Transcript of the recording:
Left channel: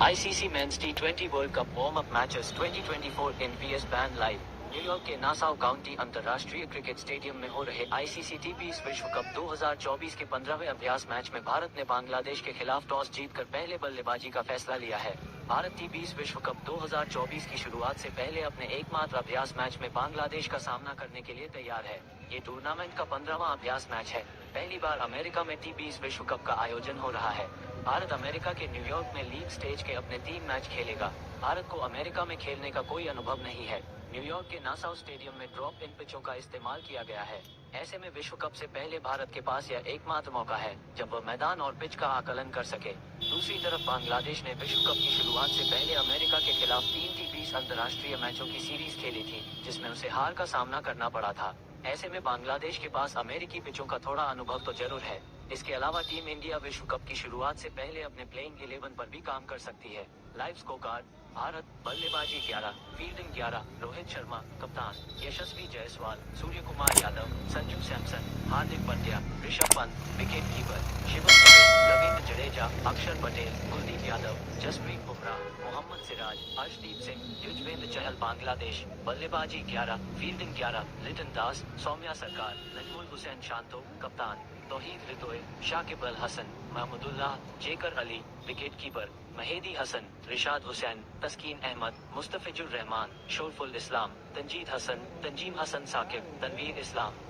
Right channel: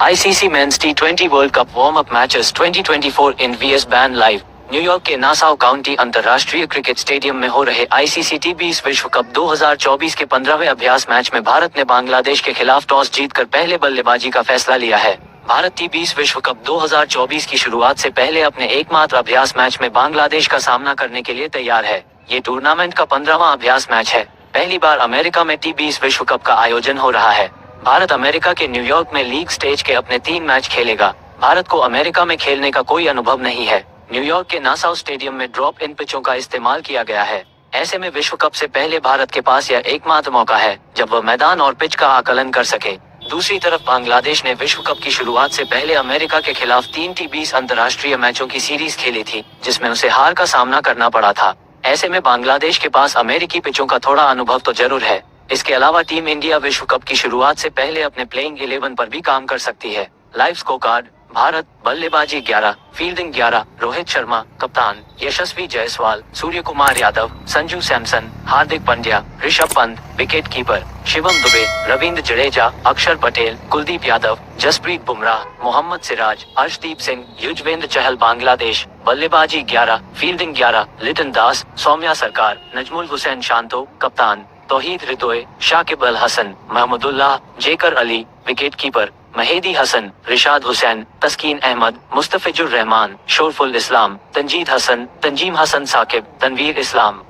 ICC Men's T20 World Cup warm-up matches 2024 in VS Band Live। New York के Nassau county अंतर्राष्ट्रीय cricket stadium में हो रहे ICC T20 विश्व कप 2024 के 15वें अभ्यास मैच में भारत ने बांग्लादेश के खिलाफ टॉस जीतकर पहले बल्लेबाजी का फैसला लिया है। भारत T20 विश्व कप 2024 की शुरुआत से पहले अपने एकमात्र अभ्यास मैच में बांग्लादेश का सामना करने के लिए तैयार है। ये टूर्नामेंट का 15वां अभ्यास मैच है। पहली बार अमेरिका में T20 विश्व कप का आयोजन हो रहा है। भारत अमेरिका के न्यूयॉर्क में लीग स्टेज के अपने 3 मैच खेलेगा। भारत को अमेरिका में खेलने का कोई अनुभव नहीं है। न्यूयॉर्क के नासाउ स्टेडियम में ड्रॉप इन पिचों का इस्तेमाल किया गया है। ऐसे में विश्व कप से पहले भारत के पास यह एकमात्र मौका है जब वह मैदान और पिच का आकलन कर सके। दूसरी तरफ बांग्लादेश ने विश्व कप की शुरुआत से पहले अमेरिका के खिलाफ 3 T20 अंतर्राष्ट्रीय मैचों की सीरीज खेली थी, जिसमें उसे हार का सामना करना पड़ा था। ऐसे में बांग्लादेश के पास अमेरिकी पिचों का थोड़ा अनुभव तो जरूर है। इसके अलावा टीम इंडिया विश्व कप की शुरुआत से पहले अपने प्लेइंग 11 पर भी काम कर सकती है। लाइव स्कोर कार्ड: भारत बल्लेबाजी 11, फील्डिंग 11, रोहित शर्मा कप्तान, यशस्वी जायसवाल, सूर्य कुमार यादव, संजू सैमसन, हार्दिक पांड्या, ऋषभ पंत, विकेट कीपर शिवम दुबे, रविंद्र जडेजा, अक्षर पटेल, कुलदीप यादव, जसप्रीत बुमराह, मोहम्मद सिराज, अर्शदीप सिंह, युजवेंद्र चहल। बांग्लादेश बल्लेबाजी 11, फील्डिंग 11, लिटन दास, सौम्या सरकार, नजमुल हुसैन शांतो कप्तान, तौहीद रितोए, शाकिब अल हसन, महमूदुल्लाह, जेकर अली, विकेट कीपर महेदी हसन, रिशाद हुसैन, तस्कीन अहमद, मुस्तफिजुर रहमान, शोरफुल इस्लाम, तंजीद हसन, तंजीम हसन साकिब, तनवीर इस्लाम।